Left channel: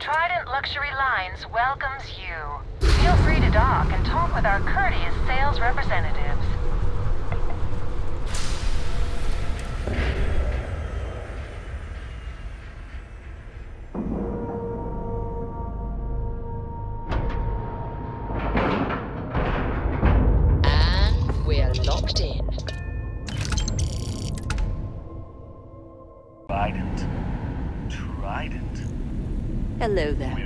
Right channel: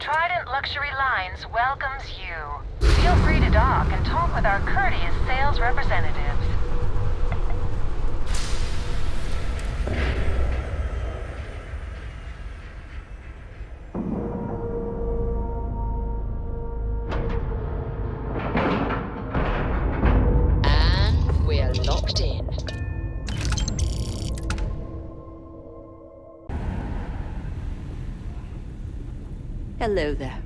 Trident Luxury Lines welcomes you. Feel free to dock and talk with our courteous sales representatives. And we're locked in. Hello there.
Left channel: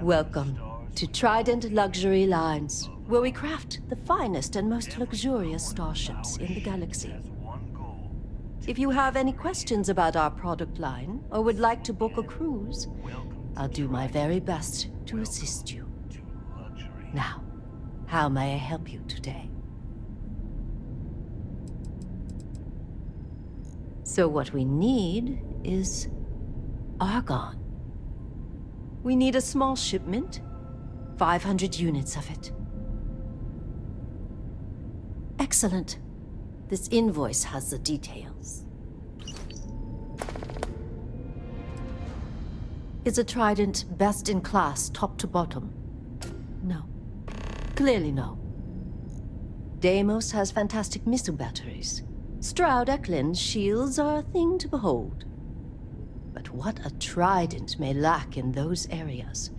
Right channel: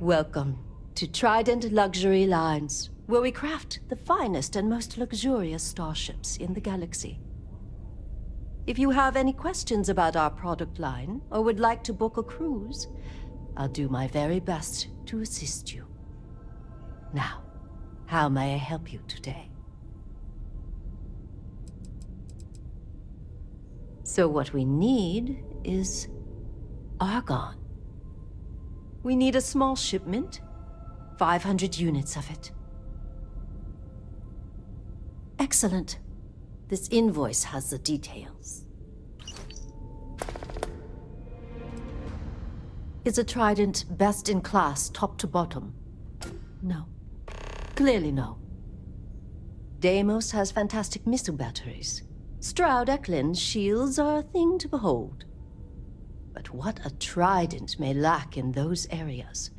Welcome to Trident Luxury Lines, where we craft the finest and most luxurious starships in the galaxy. If you have any questions about our product line, or would like to book a cruise, I'll do my very best to assist you. Now, how may I help you today? So what we need is argon. We need a small shipment, 500 units of it. Excellent. This invoice has the details. Is a Trident best in class, top to bottom? No. Clearly no. Deimos has fantastic missile batteries. Stroud Eklund's shields are a thing to behold. But what a Trident may lack in those areas,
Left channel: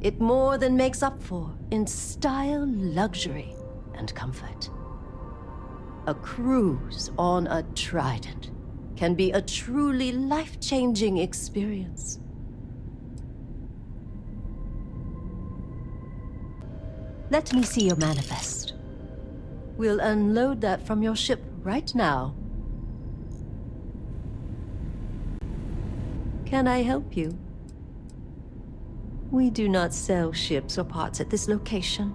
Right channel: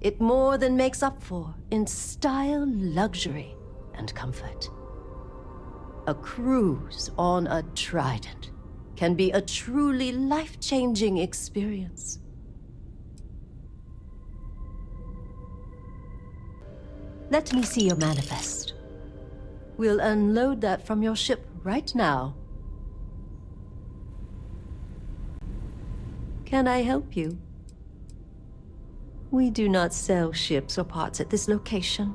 it more than makes up for in style, luxury, and comfort. A cruise on a Trident can be a truly life-changing experience. Let me see your manifest. We'll unload that from your ship right now. Can I help you? We do not sell ships or parts at this location.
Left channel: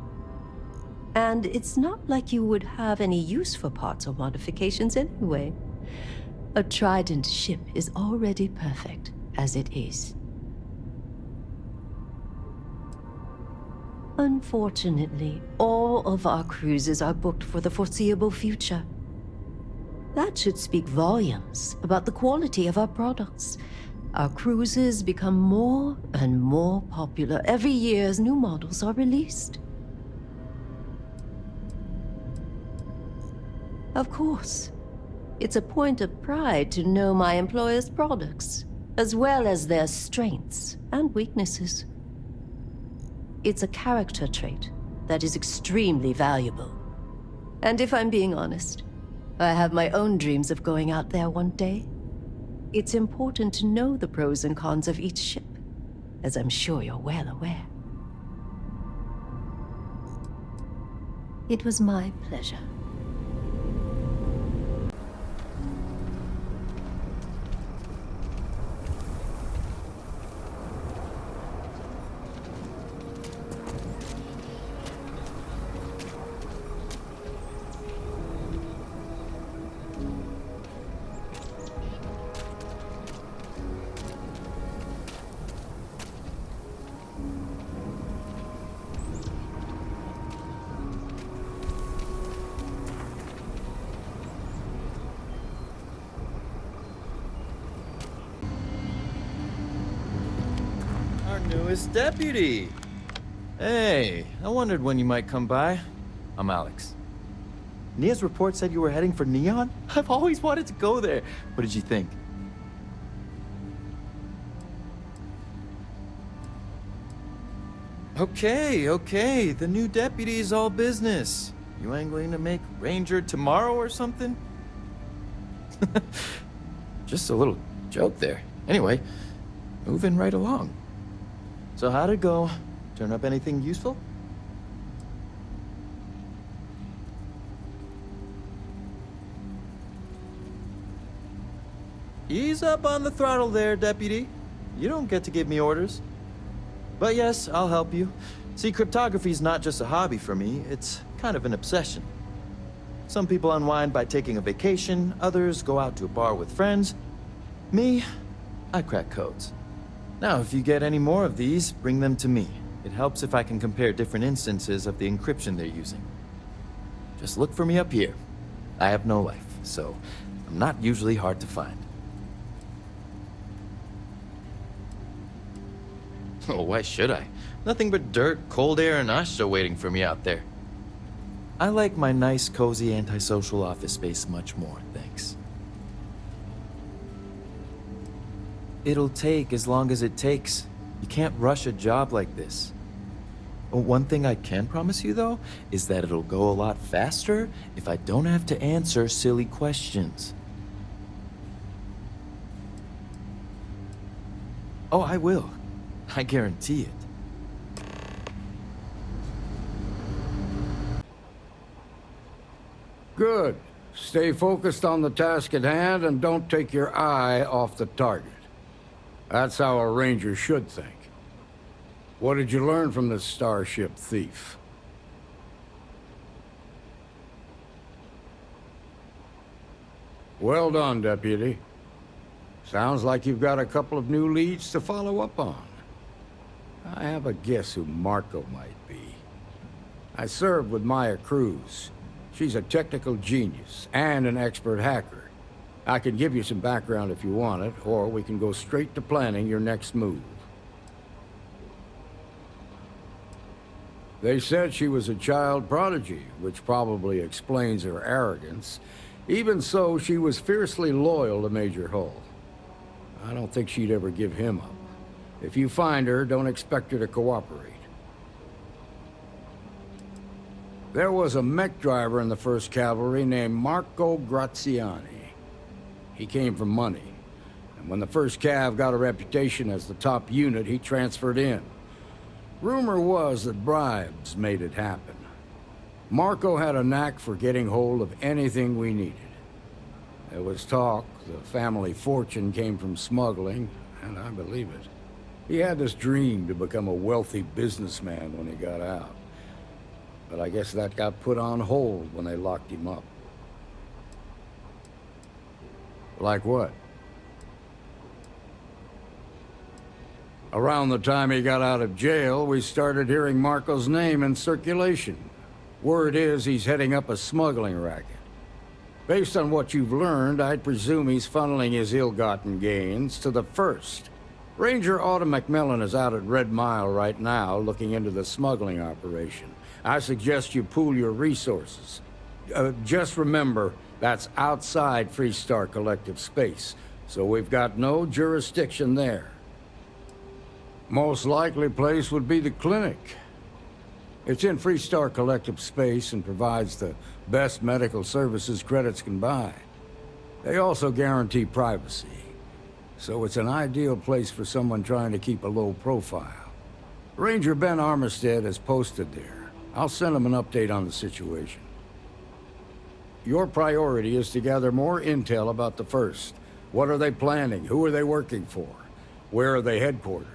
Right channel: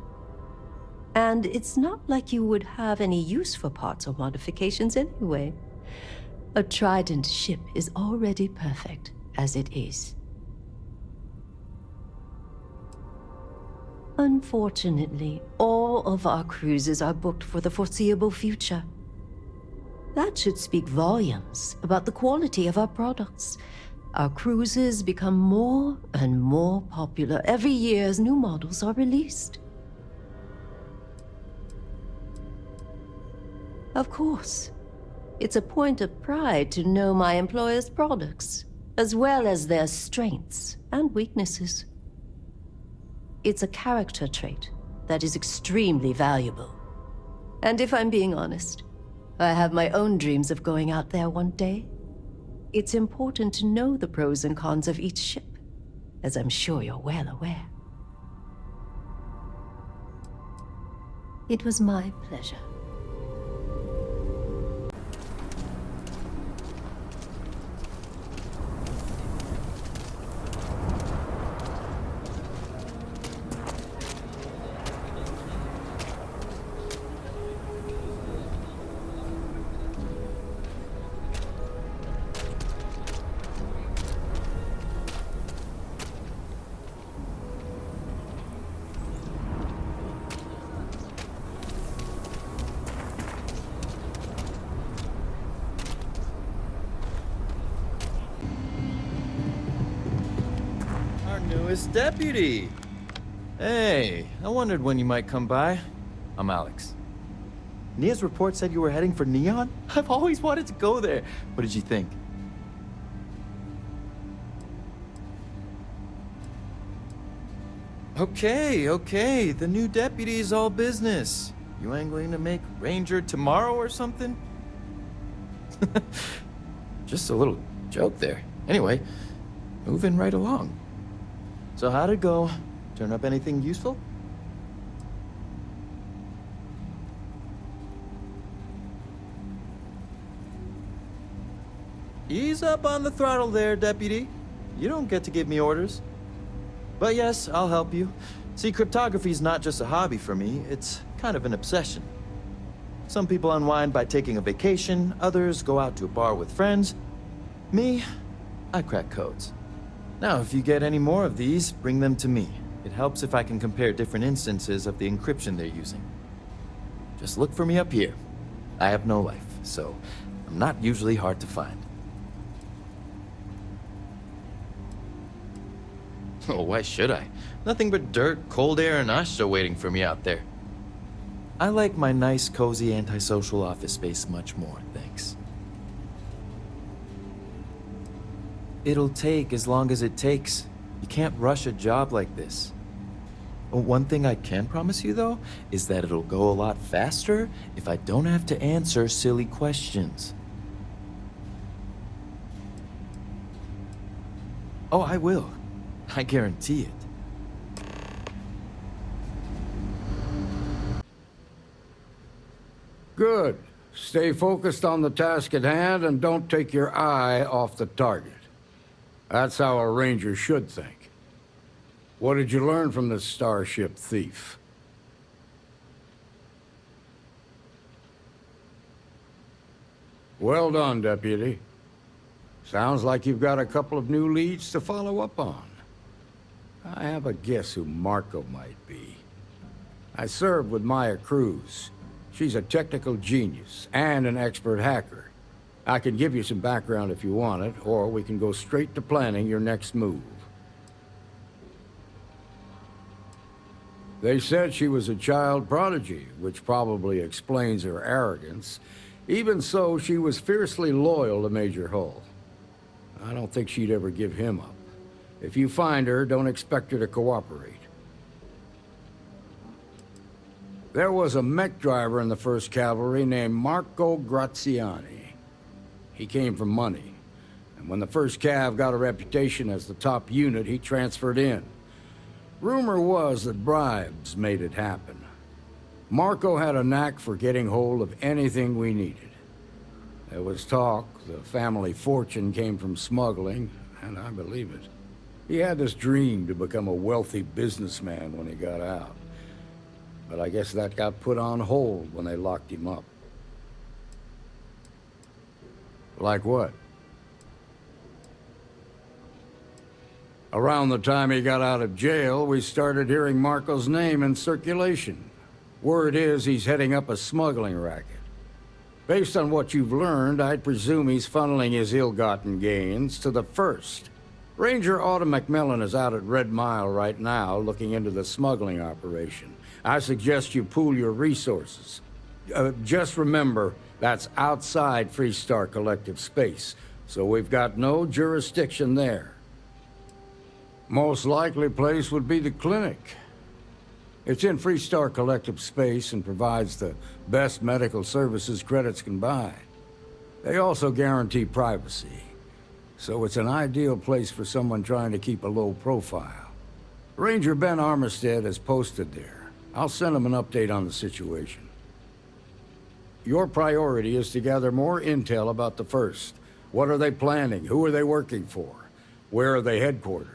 And it's not like you would have any use for parts or modifications anyway. A Trident ship is already perfect as it is. Unfortunately, all of our cruises are booked for the foreseeable future. That should speak volumes about the quality of our products. Our cruises become more and more popular every year as new models are released. Of course, it's a point of pride to know my employer's products, as well as their strengths and weaknesses. It's a character trait that is extremely valuable. And if I'm being honest, I have my own dreams of going out there one day. It's important to know the pros and cons of each ship, as I'm sure you're well aware. It was my pleasure. Newest deputy. Hey, I wondered when you might come by. I'm Alex. Nia's report said you were heading for Neon? I've always wanted to go there. What did you think? Okay. The new deputy's all business. You ain't going to make Ranger tomorrow or something? Just a little joke there. Anyway, moving right along. So how'd it go? Turn up anything useful? Ease up on the throttle there, Deputy. You don't get to give me orders. But yes, I'll help you. See, cryptography's not just a hobby for me, it's kind of an obsession. Some people unwind by taking a vacation, others go out to a bar with friends. Me, I crack codes. Now, if you get any more of these, bring them to me. It helps if I can compare different instances of the encryption they're using. Just look for me up here. I have no life, so I'm not usually hard to find. Oh, why should I? Nothing but dirt, cold air, and Asha waiting for me out there. I like my nice, cozy, antisocial office space much more, thanks. It'll take as long as it takes. You can't rush a job like this. One thing I can promise you, though, is that it'll go a lot faster if I don't have to answer silly questions. Oh, I will. I guarantee it. Good. Stay focused on the task at hand and don't take your eye off the target. That's how a ranger should think. What did you learn from this starship thief? Well done, Deputy. Sounds like you've got a couple of new leads to follow up on. I have a guess who Marco might be. I served with Maya Cruz. She's a technical genius and an expert hacker. I can give you some background if you want it, or we can go straight to planning your next move. They said she was a child prodigy, which probably explains her arrogance. Even so, she was fiercely loyal to Major Hull. I don't think she'd ever give him up. If you find her, don't expect her to cooperate. There was a mech driver in the 1st Cavalry named Marco Graziani. He came from money, and when the 1st Cav got a reputation as the top unit, he transferred in. Rumor was that bribes made it happen. Marco had a knack for getting hold of anything we needed. There was talk the family fortune came from smuggling, and I believe it. He had this dream to become a wealthy businessman when he got out. But I guess that got put on hold when they locked him up. Like what? Around the time he got out of jail, we started hearing Marco's name in circulation. Word is he's heading up a smuggling racket. Based on what you've learned, I'd presume he's funneling his ill-gotten gains to the 1st. Ranger Autumn McMillan is out at Red Mile right now, looking into the smuggling operation. I suggest you pool your resources. Just remember, that's outside Freestar Collective space, so we've got no jurisdiction there. Most likely place would be the clinic. It's in Freestar Collective space and provides the best medical services credits can buy. They also guarantee privacy, so it's an ideal place for someone trying to keep a low profile. Ranger Ben Armistead is posted there. I'll send him an update on the situation. Your priority is to gather more intel about the 1st. What are they planning? Who are they working for? Where are they headquartered?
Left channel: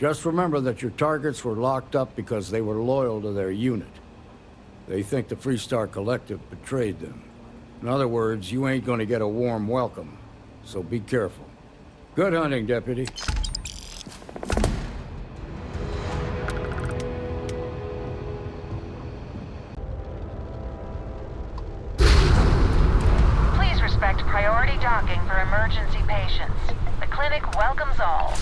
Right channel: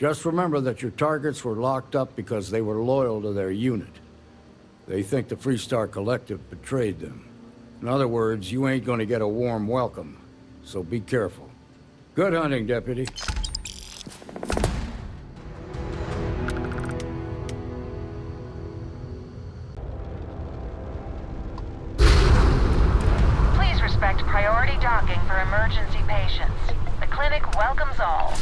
Just remember that your targets were locked up because they were loyal to their unit. They think the Freestar Collective betrayed them. In other words, you ain't gonna get a warm welcome, so be careful. Good hunting, Deputy. Please respect priority docking for emergency patients. The clinic welcomes all.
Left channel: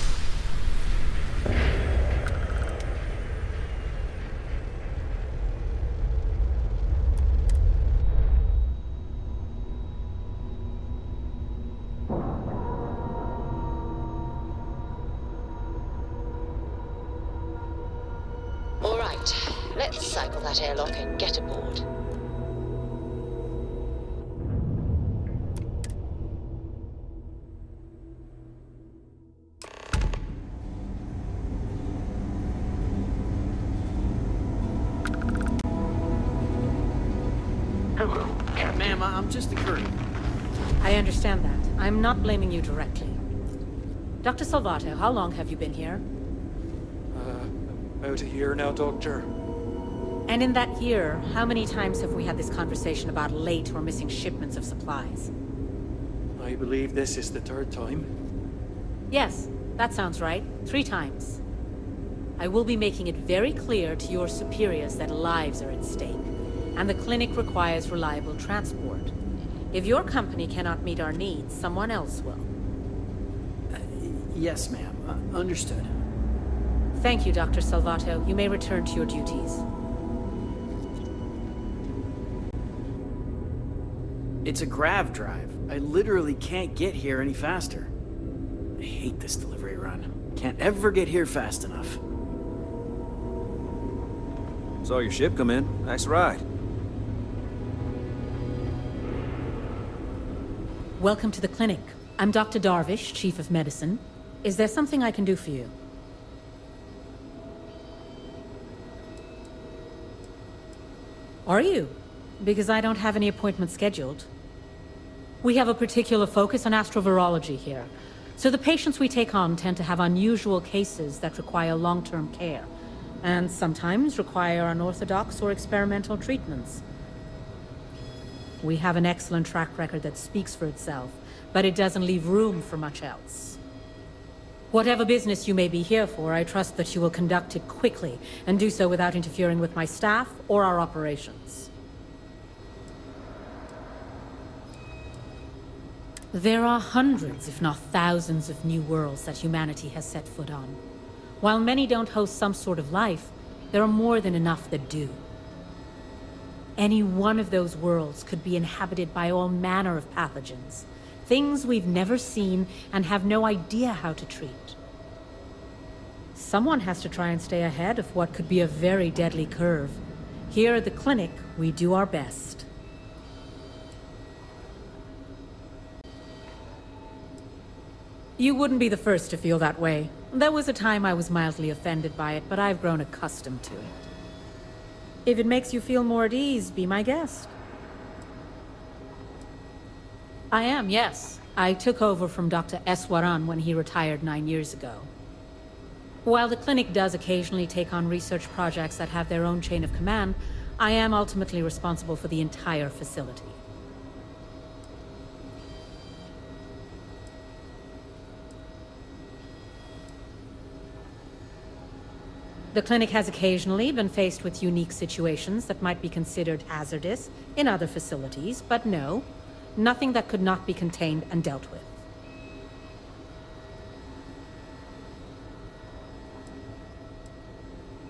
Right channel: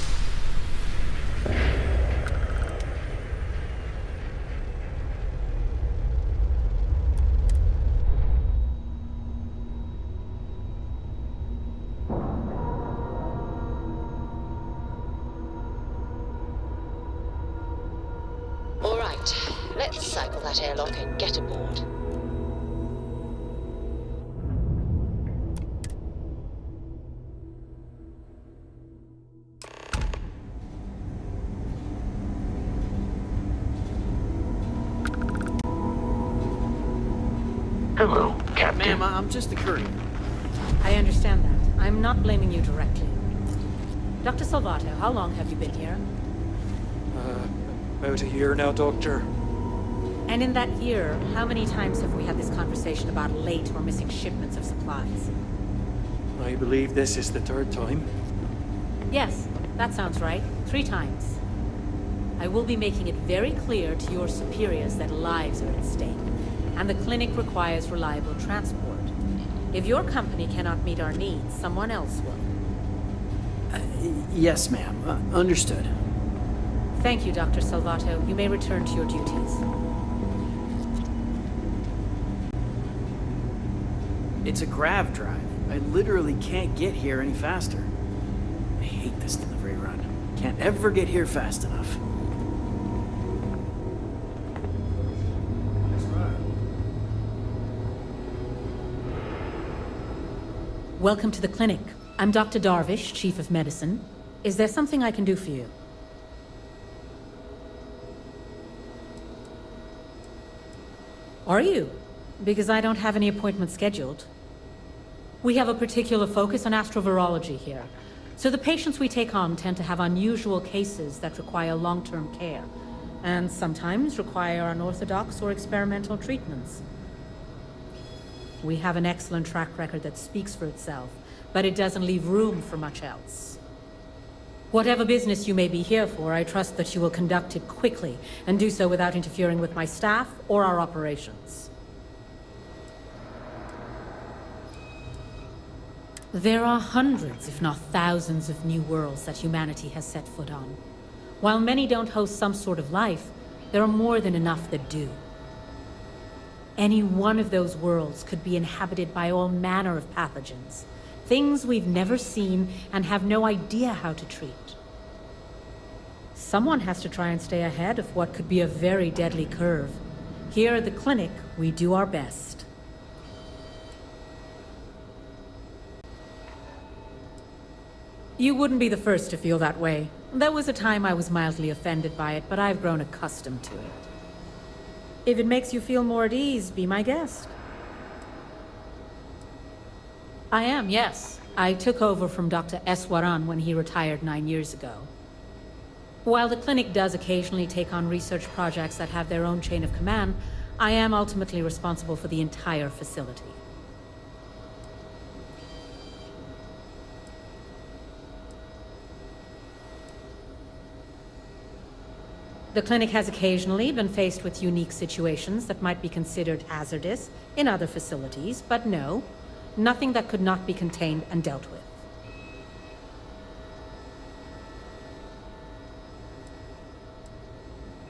All right, let's cycle that airlock and get aboard. Hello, Captain. Ma'am, I'm just a courier. I understand that. I'm not blaming you directly. Dr. Salvato, how long have you been here? About a year now, Doctor. And in that year, how many times have we had this conversation about late or missing shipments of supplies? I believe this is the 3rd time. Yes, that sounds right. 3 times. I will be making it very clear to your superiors that lives are at stake, and the clinic requires reliable transport. If your company cannot meet our needs, someone else will. Yes, ma'am. Understood. Thank you, Dr. Salvato. You may return to your duties. It's a grav drive. I literally can't get here any faster. I hate this delivery run. Can't ever get here fast enough. Saw your ship come in. Nice ride. Welcome to the clinic. I'm Dr. Darvish, Chief of Medicine. Is there something I can do for you? Are you? Because I don't have any appointments scheduled. We have a particular focus on astrovirology here. So the patients we take on tend to have unusual cases that require long-term care, and sometimes require unorthodox or experimental treatments. We have an excellent track record that speaks for itself, but it doesn't leave room for much else. Whatever business you may be here for, I trust that you will conduct it quickly, and do so without interfering with my staff or our operations. There are hundreds, if not thousands, of new worlds that humanity has set foot on. While many don't host some sort of life, there are more than enough that do. Any one of those worlds could be inhabited by all manner of pathogens, things we've never seen and have no idea how to treat. Someone has to try and stay ahead of what could be a very deadly curve. Here at the clinic, we do our best. You wouldn't be the first to feel that way. There was a time I was mildly offended by it, but I've grown accustomed to it. If it makes you feel more at ease, be my guest. I am, yes. I took over from Dr. Eswaran when he retired 9 years ago. While the clinic does occasionally take on research projects that have their own chain of command, I am ultimately responsible for the entire facility. The clinic has occasionally been faced with unique situations that might be considered hazardous in other facilities, but no, nothing that could not be contained and dealt with.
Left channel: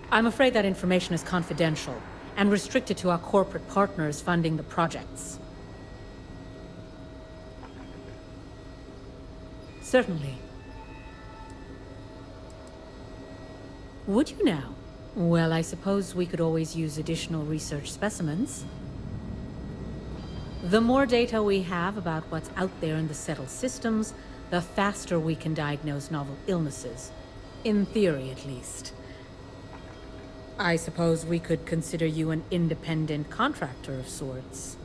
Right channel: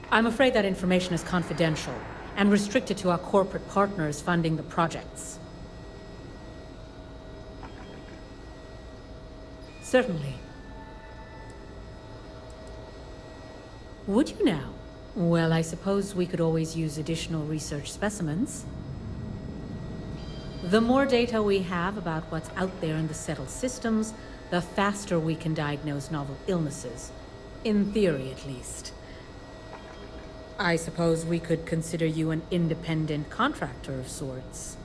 I'm afraid that information is confidential and restricted to our corporate partners funding the projects. Certainly. Would you now? Well, I suppose we could always use additional research specimens. The more data we have about what's out there in the settled systems, the faster we can diagnose novel illnesses. In theory, at least. I suppose we could consider you an independent contractor of sorts.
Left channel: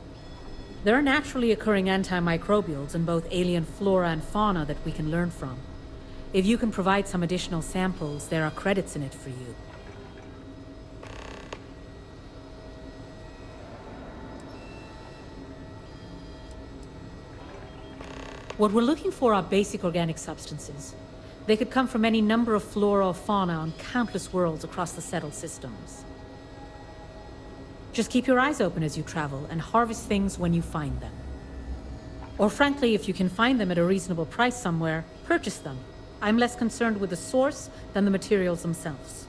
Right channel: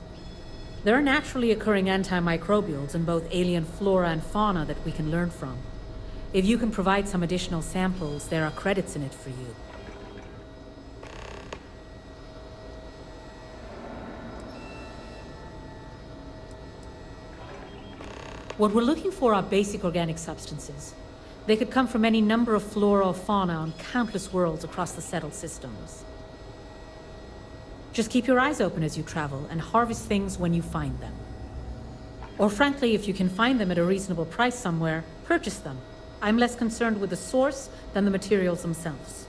There are naturally occurring antimicrobials in both alien flora and fauna that we can learn from. If you can provide some additional samples, there are credits in it for you. What we're looking for are basic organic substances. They could come from any number of flora or fauna on countless worlds across the settled systems. Just keep your eyes open as you travel and harvest things when you find them. Or frankly, if you can find them at a reasonable price somewhere, purchase them. I'm less concerned with the source than the materials themselves.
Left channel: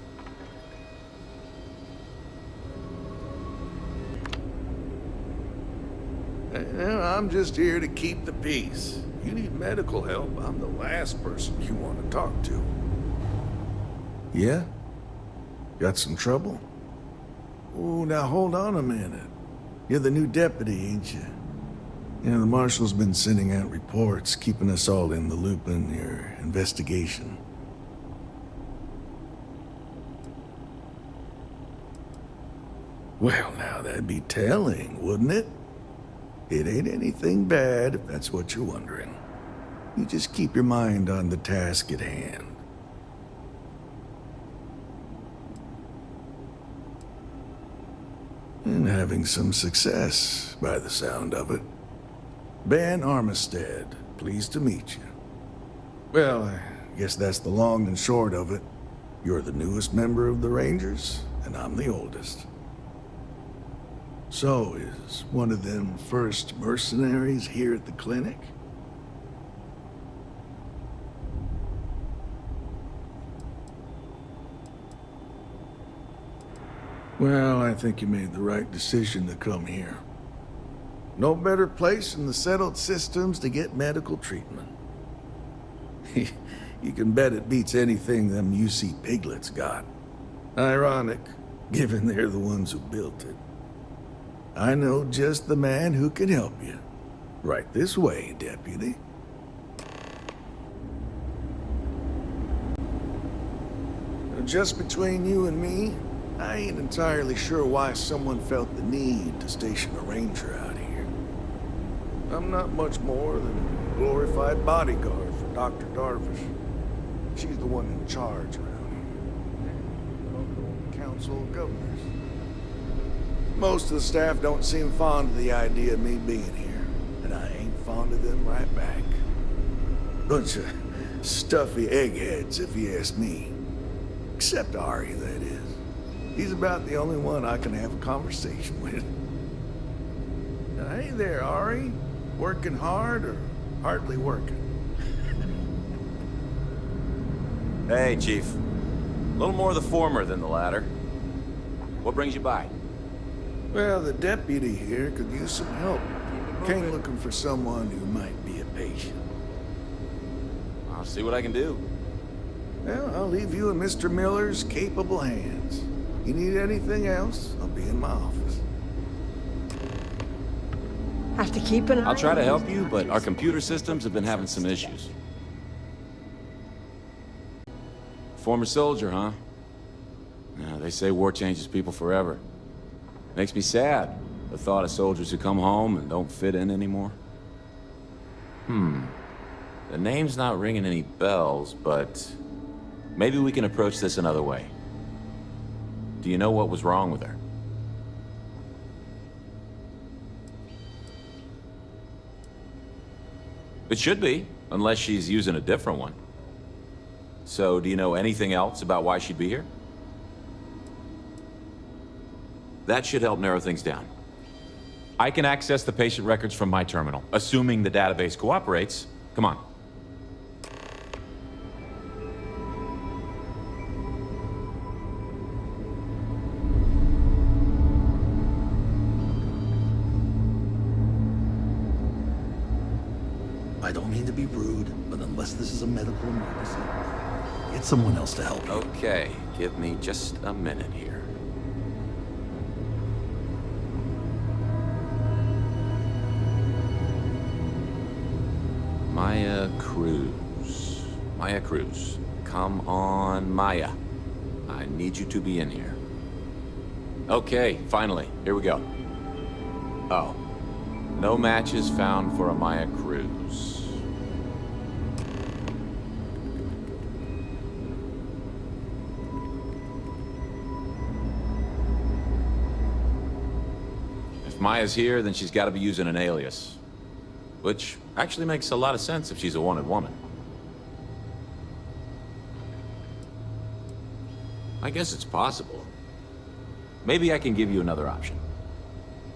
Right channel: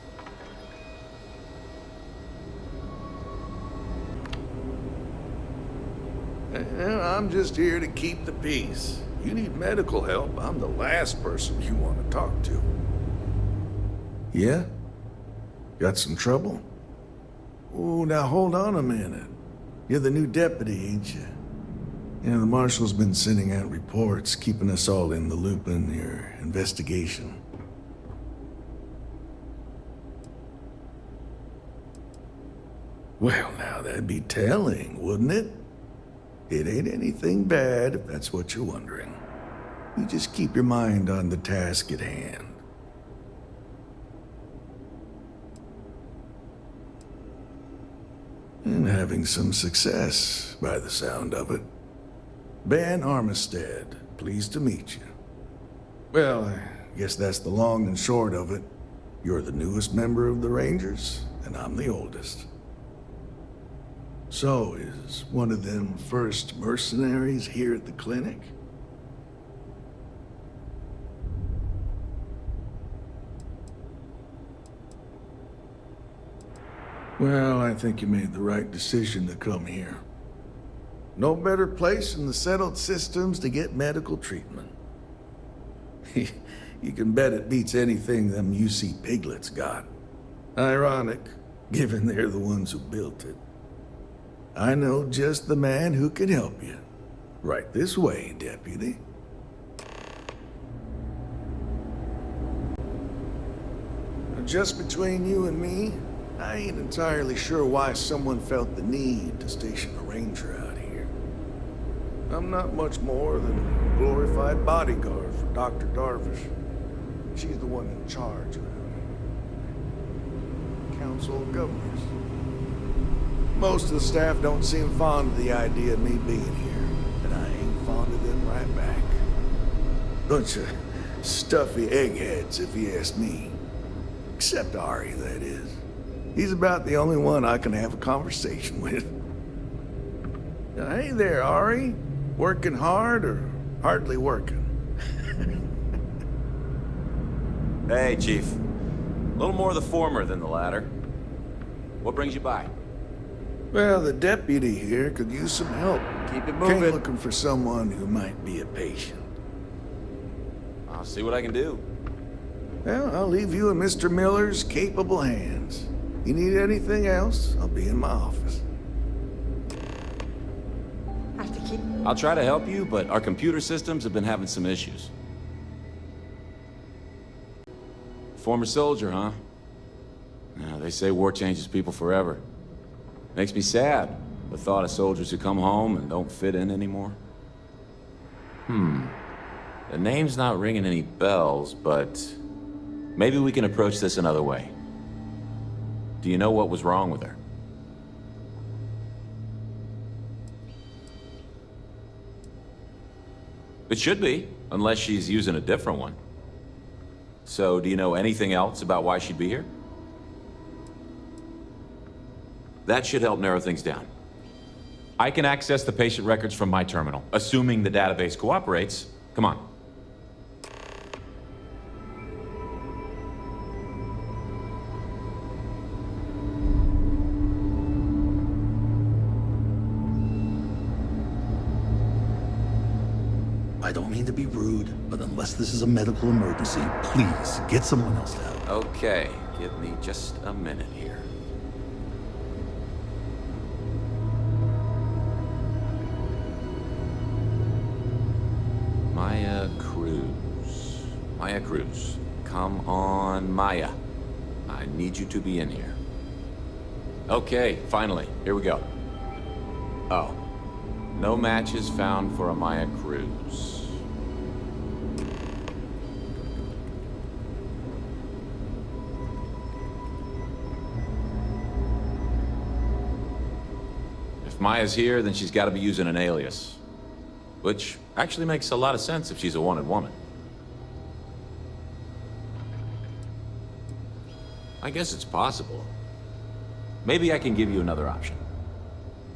I'm just here to keep the peace. You need medical help, I'm the last person you want to talk to. Yeah? Got some trouble? Oh, now hold on a minute. You're the new deputy, ain't you? You know, the marshal's been sending out reports, keeping us all in the loop in your investigation. Well, now that'd be telling, wouldn't it? It ain't anything bad, if that's what you're wondering. You just keep your mind on the task at hand. And having some success, by the sound of it. Ben Armistead, pleased to meet you. Well, I guess that's the long and short of it. You're the newest member of the Rangers, and I'm the oldest. So, is one of them first mercenaries here at the clinic? Well, I think you made the right decision to come here. No better place in the settled systems to get medical treatment. You can bet it beats anything them UC piglets got. Ironic, given they're the ones who built it. I know just the man who can help you. Right this way, Deputy. Now, just between you and me, I ain't entirely sure why someone felt the need to station a ranger out here. I'm not much more than a glorified bodyguard for Dr. Darvish. She's the one in charge around here. Council of Governors. Most of the staff don't seem fond of the idea of me being here, and I ain't fond of them right back. Bunch of stuffy eggheads, if you ask me. Except Ari, that is. He's about the only one I can have a conversation with. Hey there, Ari. Working hard or hardly working? Hey, Chief. A little more of the former than the latter. What brings you by? Well, the deputy here could use some help. Keep it moving. Came looking for someone who might be a patient. I'll see what I can do. Well, I'll leave you in Mr. Miller's capable hands. You need anything else, I'll be in my office. Have to keep an eye. I'll try to help you, but our computer systems have been having some issues. Former soldier, huh? Yeah, they say war changes people forever. Makes me sad, the thought of soldiers who come home and don't fit in anymore. The name's not ringing any bells, but maybe we can approach this another way. Do you know what was wrong with her? It should be, unless she's using a different one. So, do you know anything else about why she'd be here? That should help narrow things down. I can access the patient records from my terminal, assuming the database cooperates. Come on. I don't mean to be rude, but unless this is a medical emergency, please get someone else to help. Okay, give me just a minute here. Maya Cruz. Maya Cruz. Come on, Maya. I need you to be in here. Okay, finally. Here we go. Oh. No matches found for a Maya Cruz. If Maya's here, then she's got to be using an alias. Which actually makes a lot of sense if she's a wanted woman. I guess it's possible. Maybe I can give you another option.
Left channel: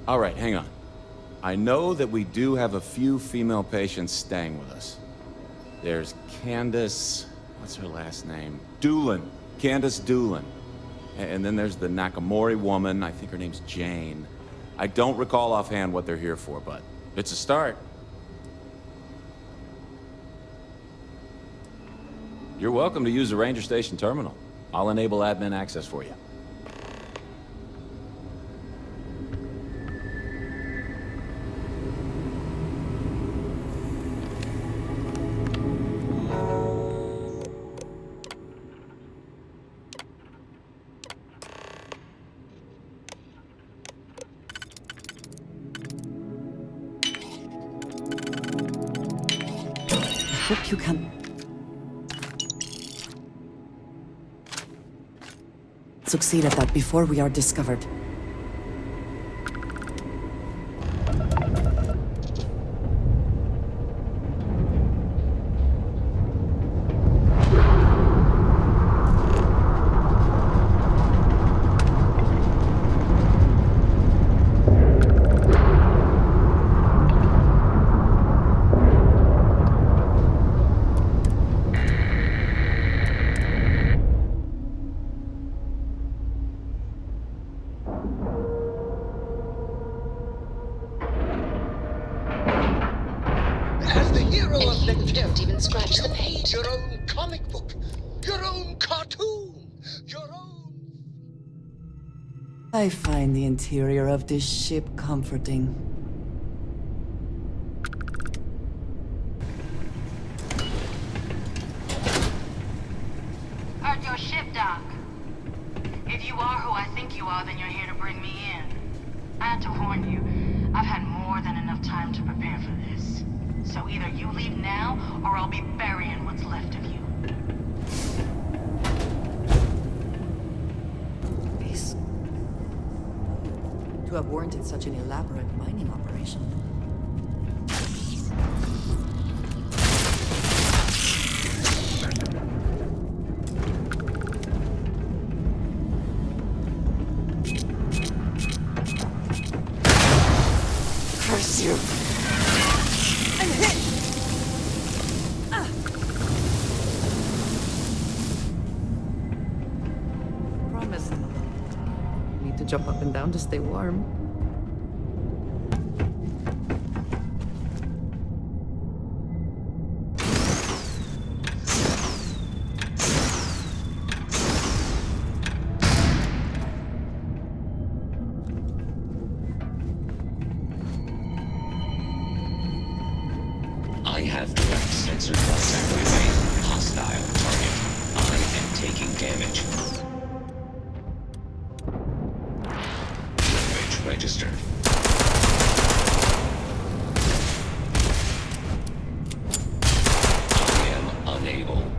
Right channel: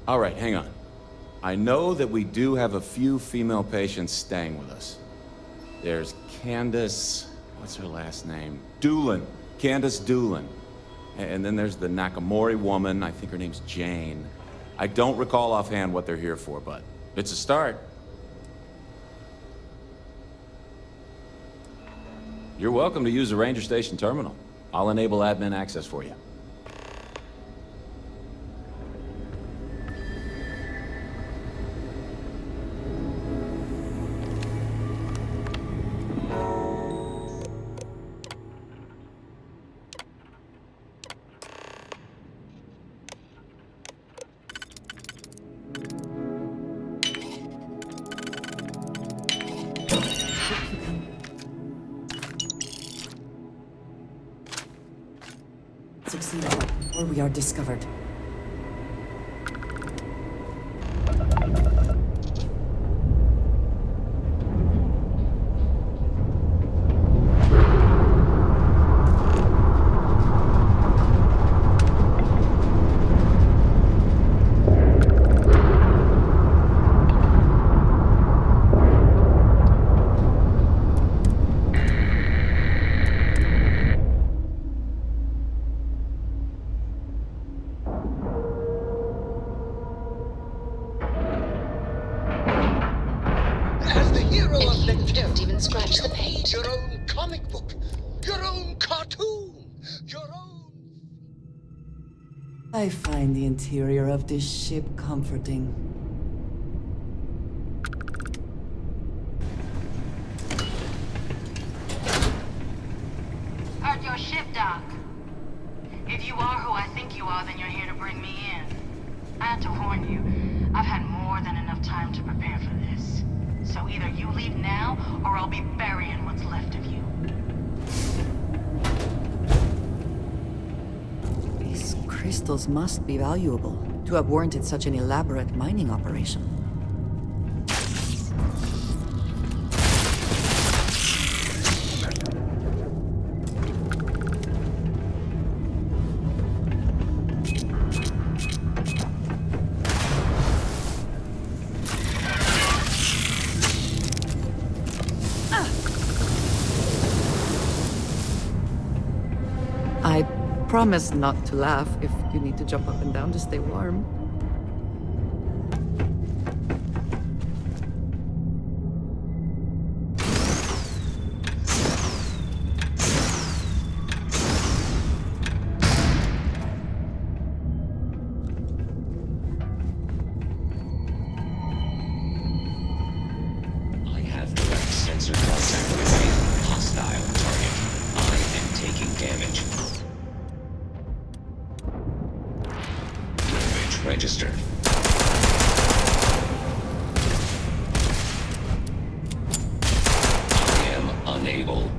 All right, hang on. I know that we do have a few female patients staying with us. There's Candace... what's her last name? Doolin. Candace Doolin. And then there's the Nakamori woman. I think her name's Jane. I don't recall offhand what they're here for, but it's a start. You're welcome to use the Ranger Station terminal. I'll enable admin access for you. Hope you can. Succeed at that before we are discovered. even scratch the paint. Your own comic book, your own cartoon, your own... I find the interior of this ship comforting. At your ship, Doc. If you are who I think you are, then you're here to bring me in. I had to warn you, I've had more than enough time to prepare for this. So either you leave now, or I'll be burying what's left of you. These crystals must be valuable to have warranted such an elaborate mining operation. Curse you. I promise not to laugh if you need to jump up and down to stay warm. I have direct sensor contact with a hostile target. I am taking damage. Damage registered. I am unable.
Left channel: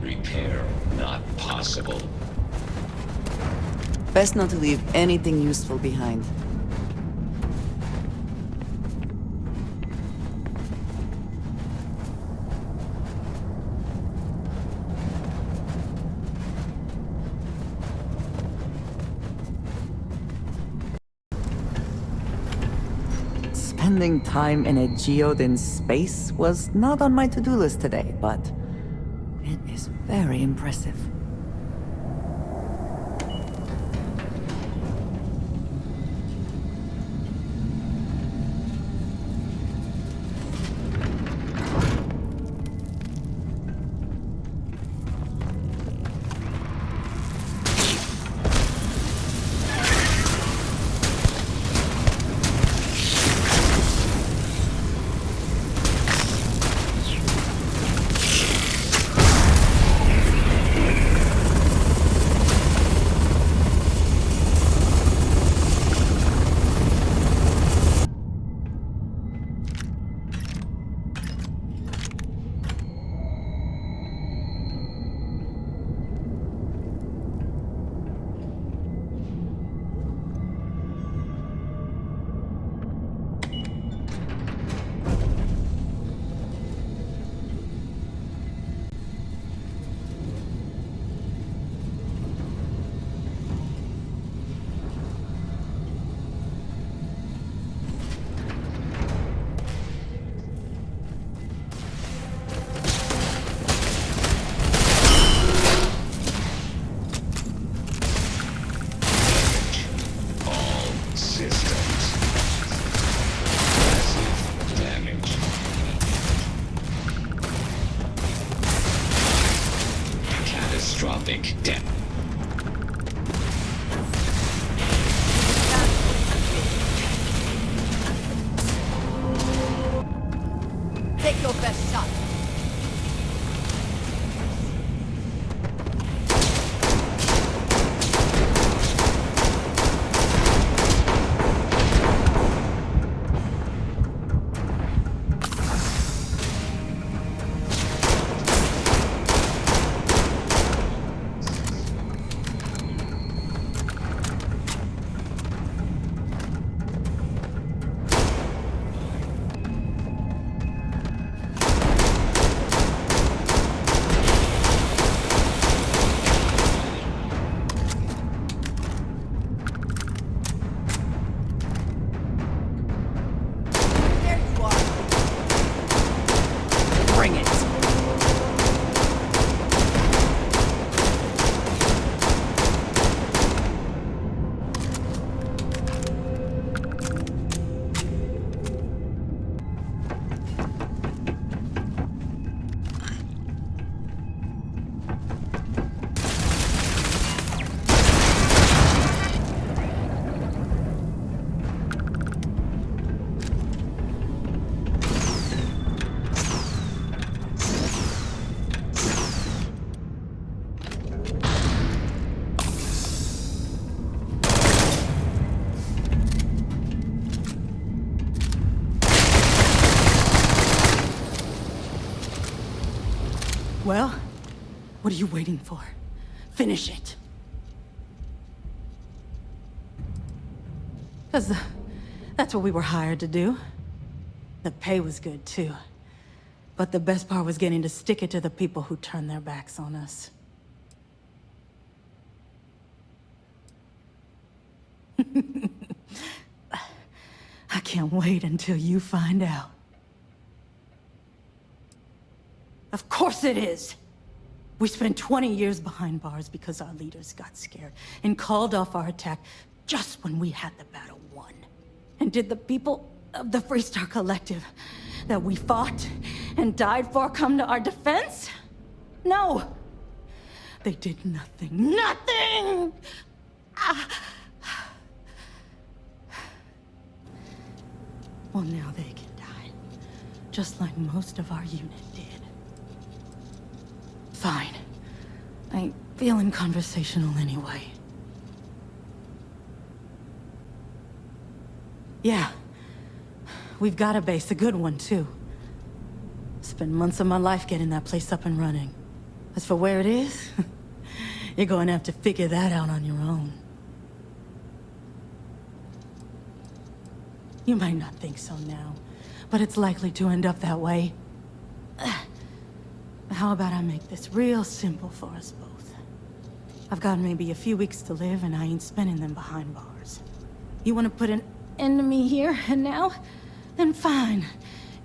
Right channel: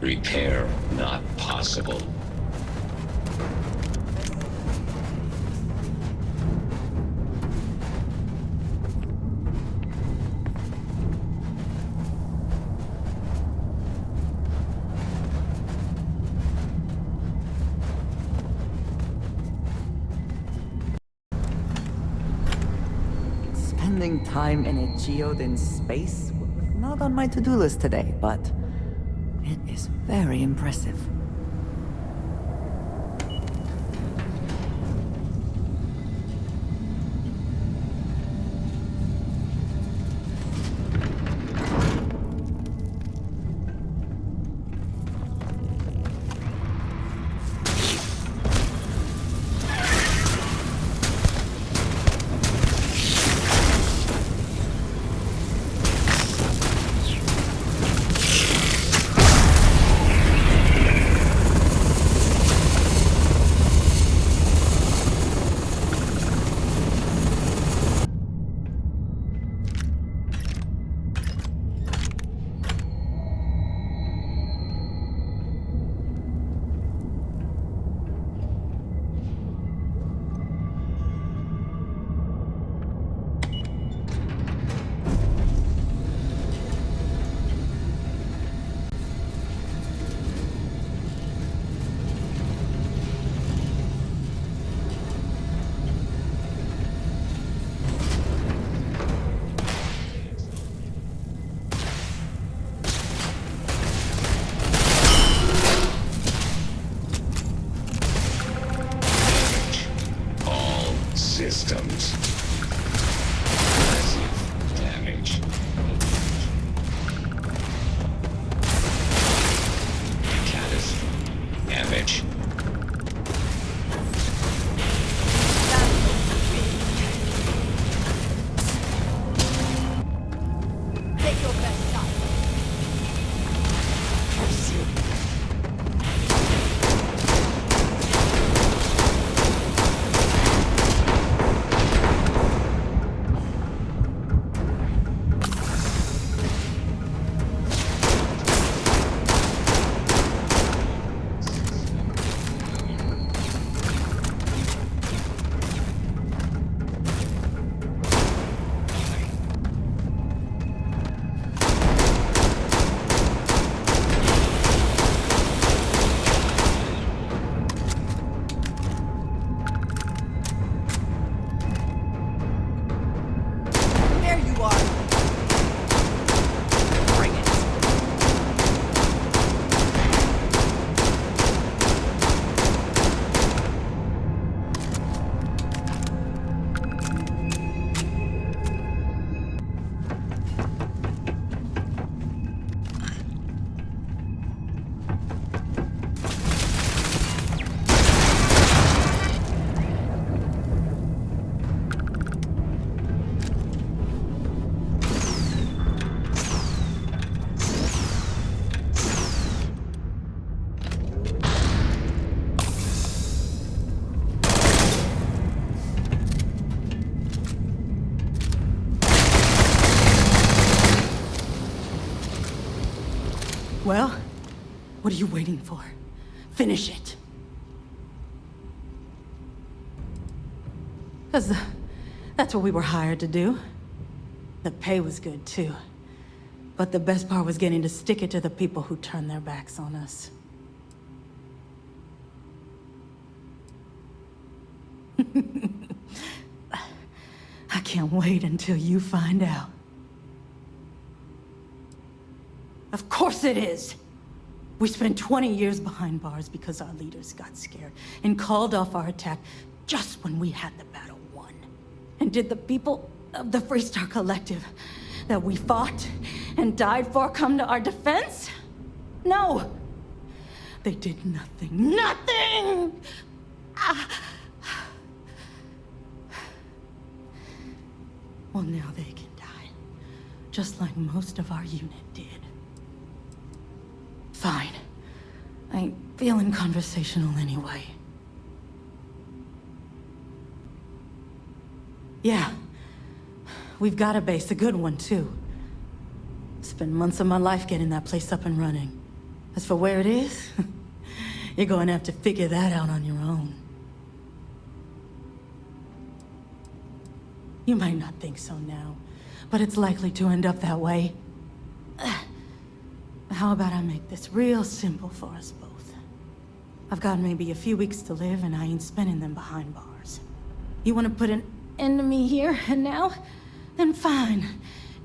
Repair not possible. Best not to leave anything useful behind. Spending time in a geode in space was not on my to-do list today, but it is very impressive. Well, what are you waiting for? Finish it. Because that's what we were hired to do. The pay was good, too. But the best part was getting to stick it to the people who turned their backs on us. I can't wait until you find out. Of course it is! We spent 20 years behind bars because our leaders got scared and called off our attack just when we had the battle won. And did the people of the Freestar Collective that we fought and died for come to our defense? No! They did nothing. Nothing! Well, now they can die. Just like most of our unit did. Fine. I ain't feeling conversational anyway. Yeah. We've got a base, a good one, too. Spent months of my life getting that place up and running. As for where it is, you're going to have to figure that out on your own. You might not think so now, but it's likely to end up that way. How about I make this real simple for us both? I've got maybe a few weeks to live, and I ain't spending them behind bars. You want to put an end to me here and now? Then fine.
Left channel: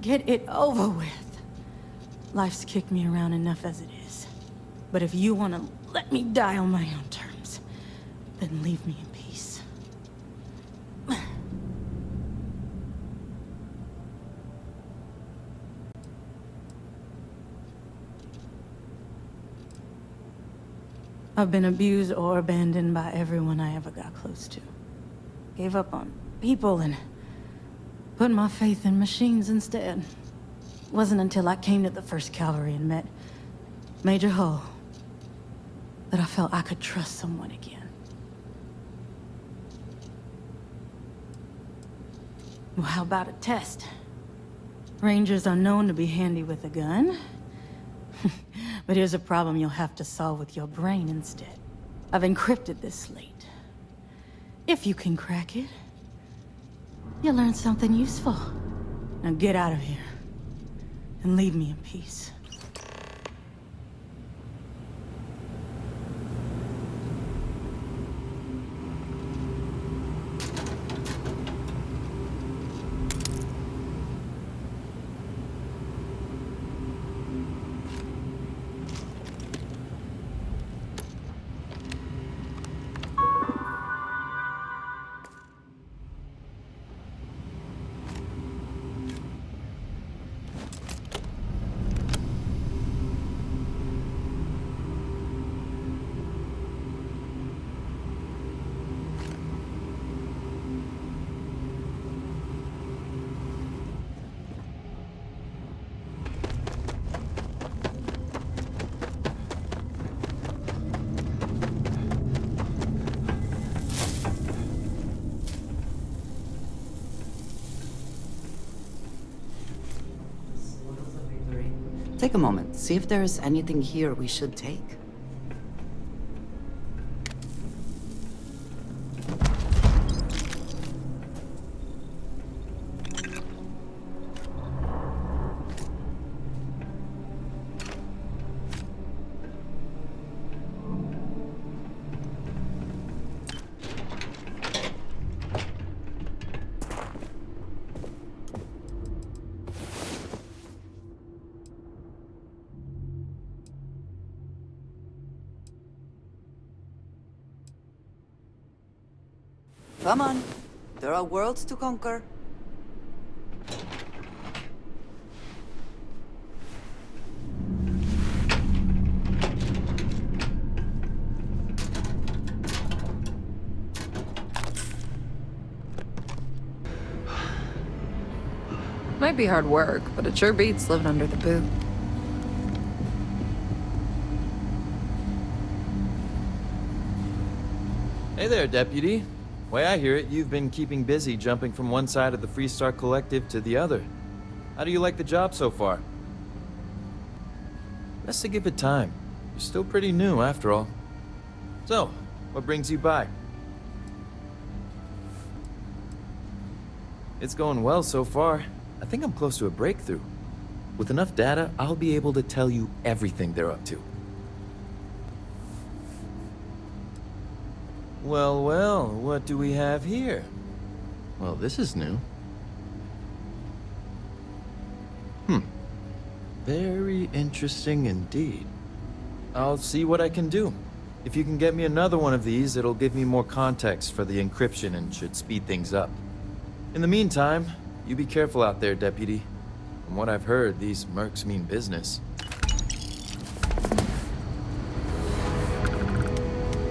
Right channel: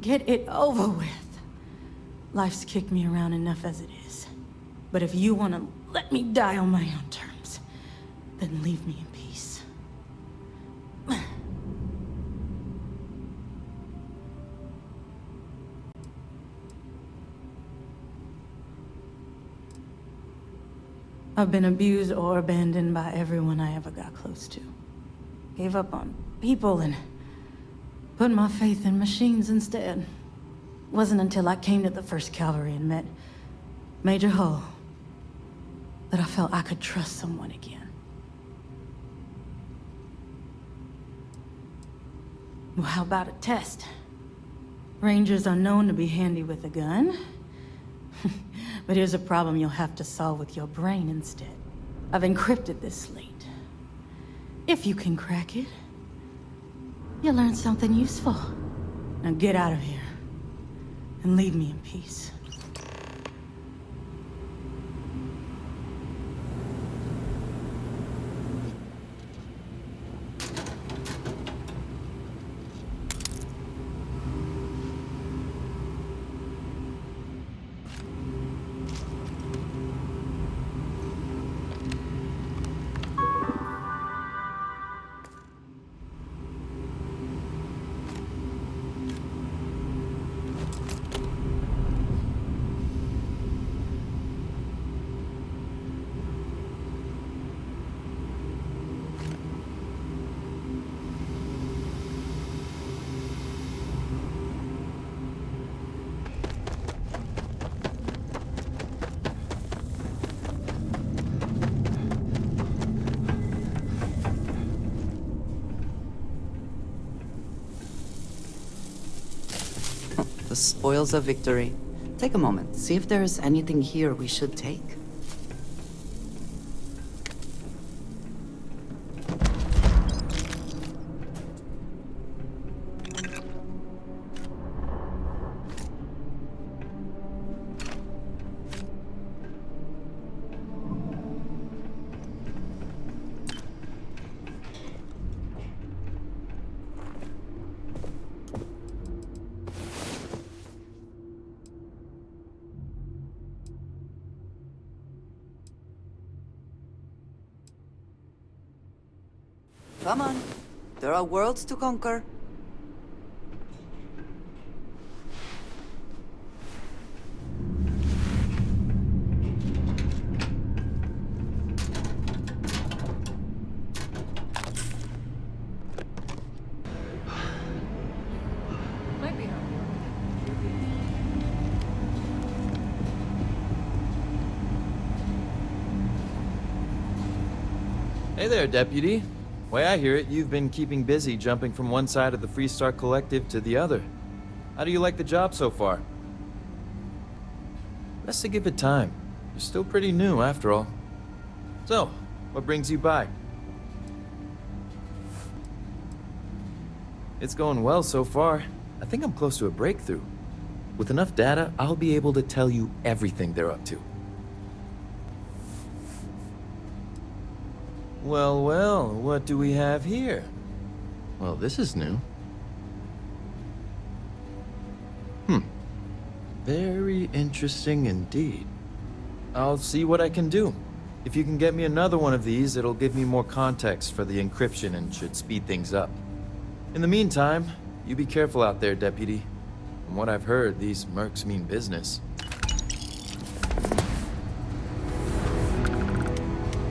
Get it over with. Life's kicked me around enough as it is. But if you want to let me die on my own terms, then leave me in peace. I've been abused or abandoned by everyone I ever got close to. Gave up on people and put my faith in machines instead. Wasn't until I came to the 1st Cavalry and met Major Hull that I felt I could trust someone again. Well, how about a test? Rangers are known to be handy with a gun. But here's a problem you'll have to solve with your brain instead. I've encrypted this slate. If you can crack it, you'll learn something useful. Now get out of here, and leave me in peace. Spoils of victory. Take a moment, see if there is anything here we should take. Come on. There are worlds to conquer. Might be hard work, but it sure beats living under the boot. Hey there, Deputy. Way I hear it, you've been keeping busy jumping from one side of the Freestar Collective to the other. How do you like the job so far? Best to give it time. You're still pretty new, after all. So, what brings you by? It's going well so far. I think I'm close to a breakthrough. With enough data, I'll be able to tell you everything they're up to. Well, well, what do we have here? Well, this is new. Very interesting indeed. I'll see what I can do. If you can get me another one of these, it'll give me more context for the encryption and should speed things up. In the meantime, you be careful out there, Deputy. From what I've heard, these mercs mean business.